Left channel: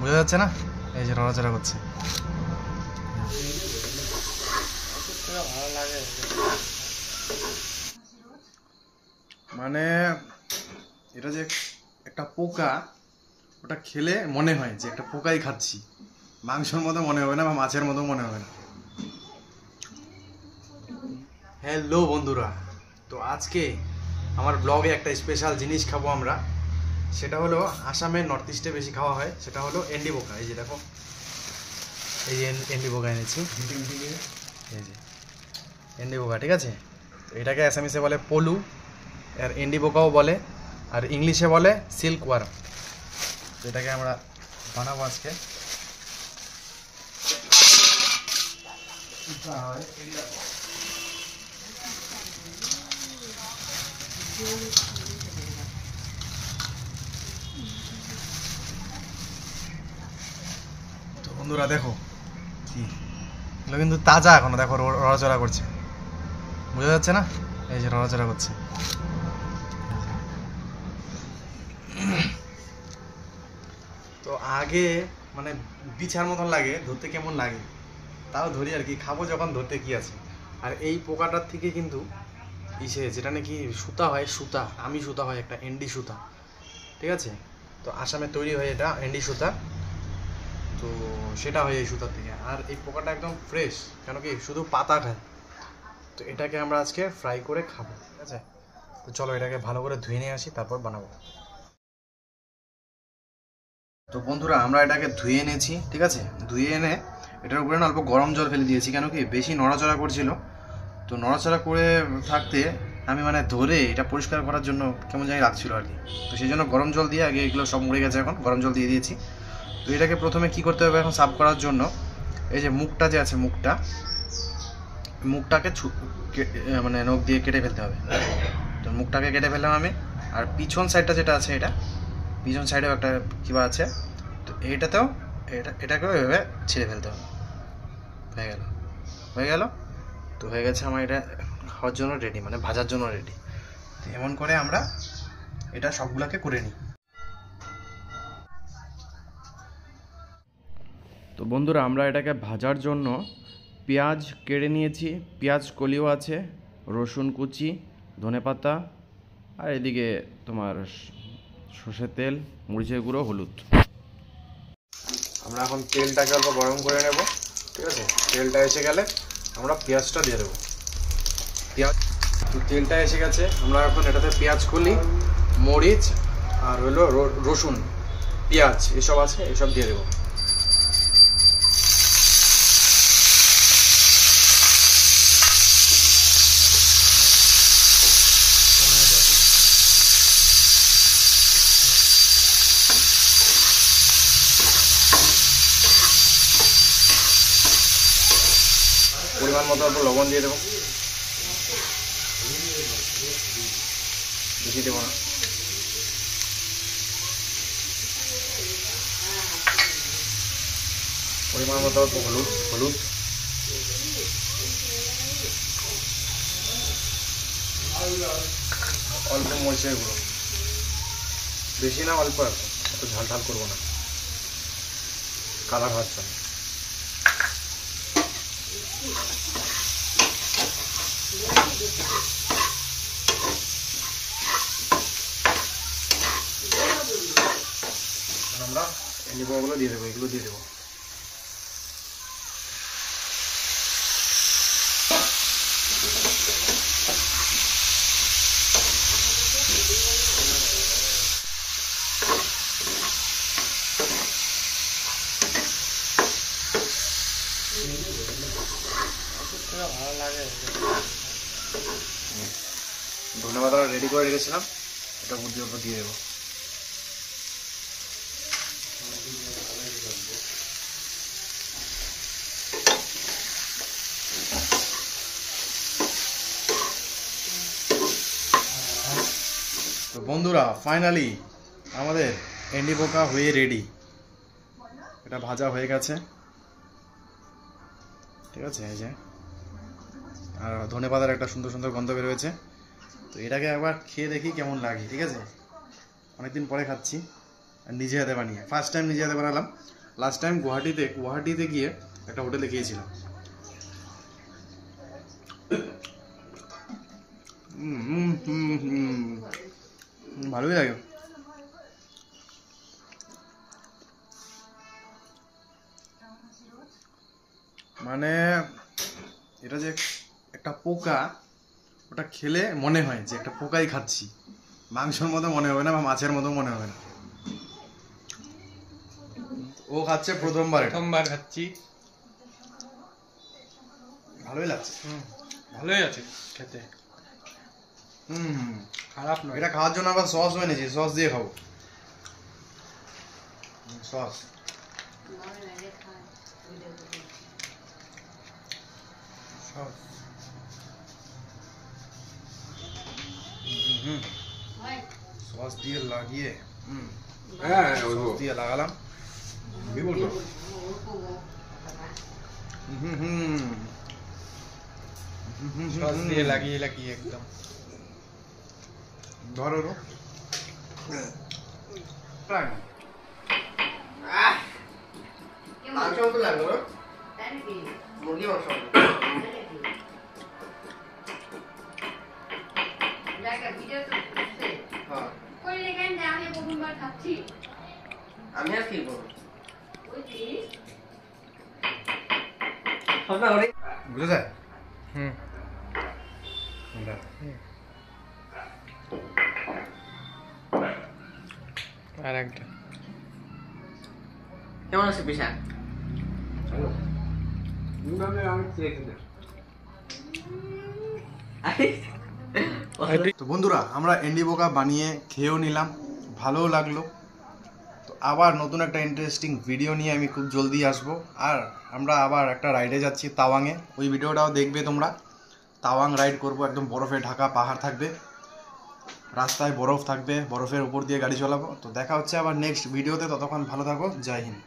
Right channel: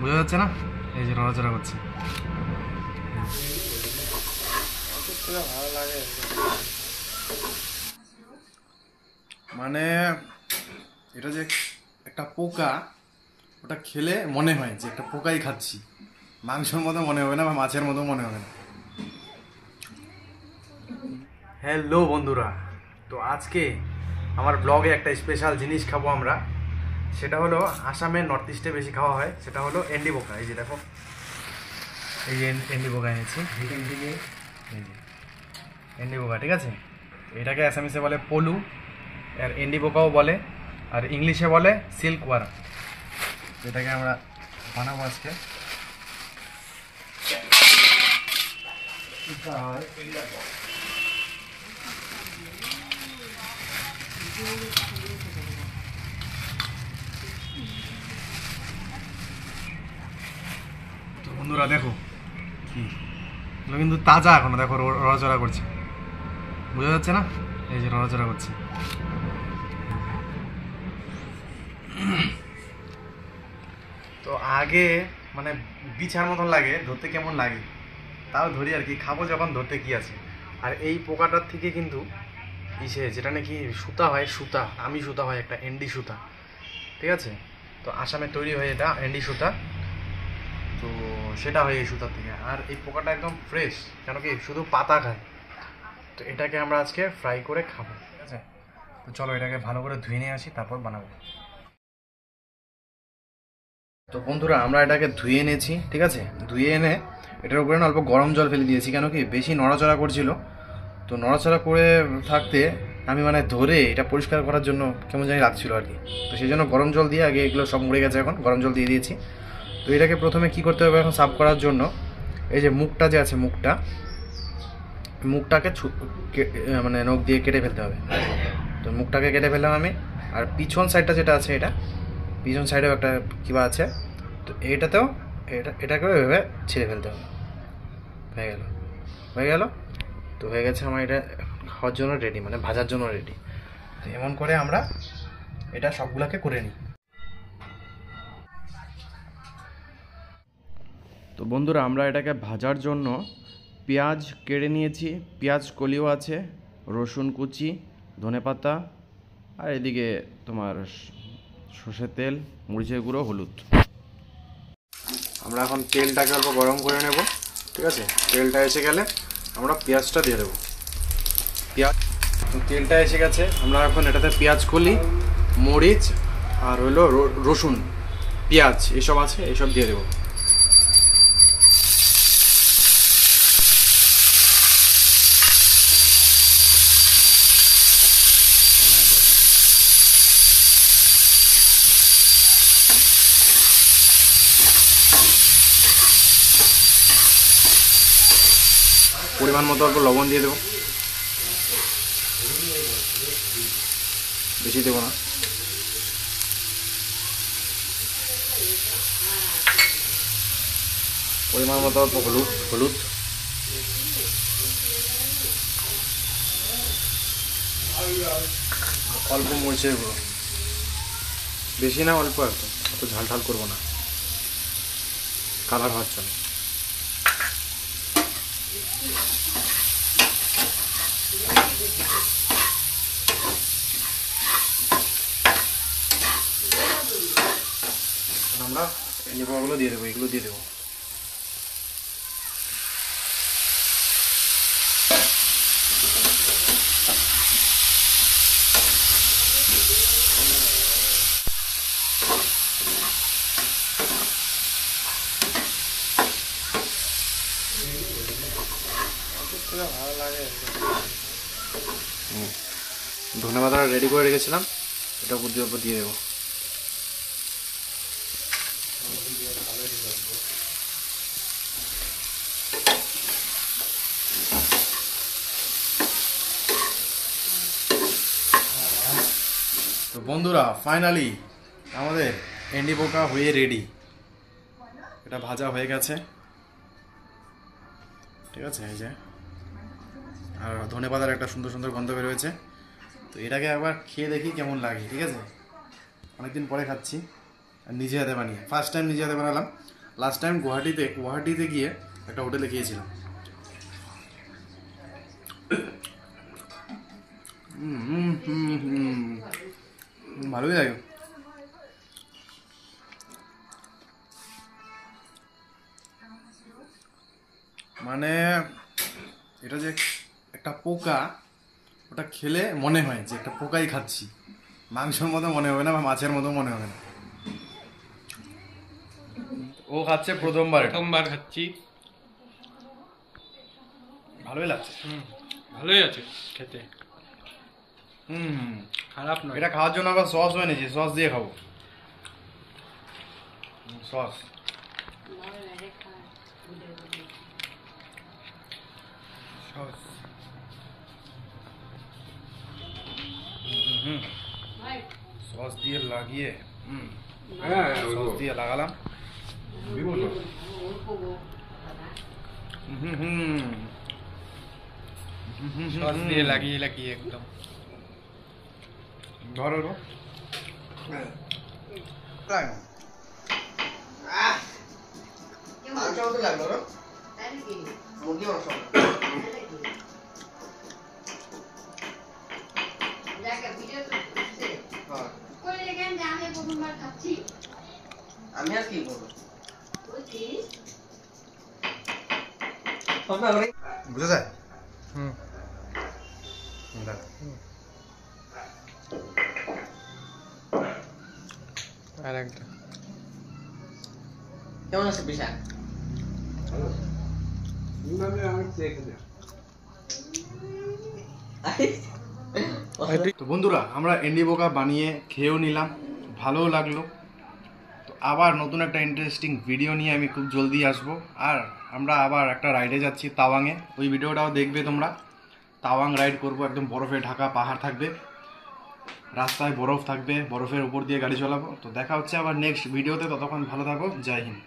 বোঝা যাচ্ছে না? এই যে নড়াচড়া করছে। ভালো লাগে মানে এটা যে একটা পোকা, ওটা খেলে মনে হয় যে একটা পোকাই খাচ্ছি, মাংসের মতো মনে হবে না বা মাছের মতো মনে হবে না। হ্যালো বন্ধুরা, তো আজকে আমার ব্লগে একটা স্পেশাল জিনিস খাবো আমরা। সেটা হলো আসামের নর্থ ইস্টে বেশি খাওয়া হয়, সেটা হলো এন্ডি পোকা। এই যে দেখো, এই যে এন্ডি পোকা এনেছি, এই যে এন্ডি পোকা, ঠিক আছে? এটাকে আসামিসে বলে পলু, আর এন্ডি পোকাও বলে, আর ইংলিশে বলে সিল্ক ওয়ার্ম। এটাকে আমরা বানাবো আজকে। তো বন্ধুরা দেখো, কি এগুলো কিন্তু তাজা এখনো, দেখো নড়াচড়া করছে, বোঝা যাচ্ছে না? এই যে নড়াচড়া করছে। তো আগে মানে বিছার মতন লাগে ধরতে, কেমন লাগে তাও ধরি আর কি, খাবো যখন ধরতে কি আছে। আর এই পোকাটার থেকে কিন্তু ইসে যেটা নাকি সুতা হয়, সুতা আমি সুতা হয় একটা এন্ডি সুতা, ঠিক আছে? তো আসামে তৈরি হয় এটা এন্ডি সুতা, তো সেটা হয় এই সুতার থেকে। আর এই পোকাটা একদম ফ্রেশ, কেন কি শুধু পাতা খায়। তো এটাকে আমরা আজকে ফ্রাই করে খাবো, ঠিক আছে? তো চলো এটাকে ভালো করে ধুয়ে নিয়ে আসি, তারপর বানাবো। তো বন্ধুরা আমরা এটাকে ধুয়ে এনেছি, ঠিক আছে? ধুয়ে এনে এটার উপরে না অল্প গরম জল ফেলে দিয়েছি, কেন কি বেশি নড়াচড়া করছিল। তো নড়াচড়া করে থাকতে আমি মানে ধরে এটা পরিষ্কার করার জন্য কেমন জানি লাগছিল আর কি। তো সেই জন্য গরম জল দিয়ে, আগে এগুলো সব মরে গেছে, এখন গরম জল দিয়ে দিয়েছি। তো এটাকে প্রথমে কি করতে হবে এখন সাফ করার জন্য, এই যে মুখটা যে আছে, মুখটাকে মানে নখ দিয়ে কেটে ফেলতে হবে। তো মুখটাকে কেটে ফেললাম আমি। আর পিছন সাইডটা যেটা আছে, এটা পিছন সাইডেও একটা কিবা আছে, তো এটাতেও এটাকেও এভাবে ছিঁড়ে ফেলতে হবে। হয়ে গেল। তো হয়ে গেছে আমার এটা খাওয়ার জন্য রেডি, মানে ভাজার জন্য রেডি। তো এমন করে আমরা এটা সবগুলোকে করে নিই। তো বন্ধুরা আমরা এটাকে ভাজার জন্য পেঁয়াজ কেটে নিয়েছি, পেঁয়াজ কলিও আছে, রসুন কুচি, ধনেপাতা, আর এদিকে তোমার সর্ষের তেল, মরিচের গুঁড়ো, হলুদ। আমরা এখন তেলটাকে অল্প গরম করে নেব, ঠিক আছে? তেলটা এসে গেলে আমরা পেঁয়াজটা দিয়ে দেবো। পেঁয়াজ, তো তেলটা এসে গেছে, আমরা এখন এটাতে পেঁয়াজ কলি, মরিচ, আর হলো রসুন, পেঁয়াজ এসব আছে, এসব দিয়ে দেবো। পরিমাণ মতো অল্প লবণ দিয়ে দেবো, বেশি দেবো না। পরিমাণ মতো অল্প হলুদ, অল্প মরিচের গুঁড়ো, বেশি না, অল্প একটা, একটু ঝাল ঝাল করবো না, কালার হওয়ার জন্য। আমরা এন্ডি পোকাগুলো দিয়ে দেবো, এগুলো দিয়ে দেবো। ভালো লাগে। ধন্যবাদ, রেডি করে রেখেছিলাম, এটা উপর দিয়ে দেবো। তো বন্ধুরা ফাইনালি আমাদের এন্ডি পোকা হয়ে রেডি, এটা ভাজা হয়ে গেছে, ঠিক আছে? এই যে, আর ধনেপাতার একটা সুন্দর সুন্দর গন্ধ বের হয়েছে। তো এটাকে একবার খেয়ে দেখি কেমন লাগে, ঠিক আছে? অনেকদিন পরে খাচ্ছি, আর নিজে হাতে বানিয়ে, ফার্স্ট টাইম নিজে হাতে বানালাম। লাস্ট টাইম গুয়াহাটিতে গিয়ে একটা হোটেলে গিয়েছিলাম। ভালোই লাগে। মানে এটা যে একটা পোকা, ওটা খেলে মনে হয় যে একটা পোকাই খাচ্ছি, মাংসের মতো মনে হবে না বা মাছের মতো মনে হবে না। ও খাচ্ছে প্রথমবার খাচ্ছি, ভালোই লাগছে। ভালোই আছে খেতে, খারাপ নয়। এটা খাওয়ার জন্য আবার সস এনেছি, সস দিয়ে খাবো। সস সস দিয়ে লাগিয়ে সস দিয়ে লাগালাম। সস দিয়ে লাগিয়ে লাগিয়ে একদম ধরো তাই না? আমি আর কি করবো? বুঝে যায়। আর একটা কেমন আছে পিসা? তো বন্ধুরা, আমরা এন্ডি বোকা বানিয়ে খেয়েও নিলাম, ভালোও লাগলো। তো আবার নতুন একটা ইন্টারেস্টিং ভিডিও নিয়ে আমি খুব জলদি আসবো। আর আমরা আবার একটা রাইডে যাচ্ছি তাওয়াংয়ে, ওই ভিডিওটাও দেখবে তোমরা। তাওয়াং রাইড করবো, একদম বরফে ঢাকা পাহাড় থাকবে, রাস্তায় বরফ থাকবে, বরফের উপর দিয়ে গাড়ি চালাবো। তো দেখা হচ্ছে আবার নেক্সট ভিডিওতে, ততক্ষণ ভালো থাকো, জয় হিন্দ।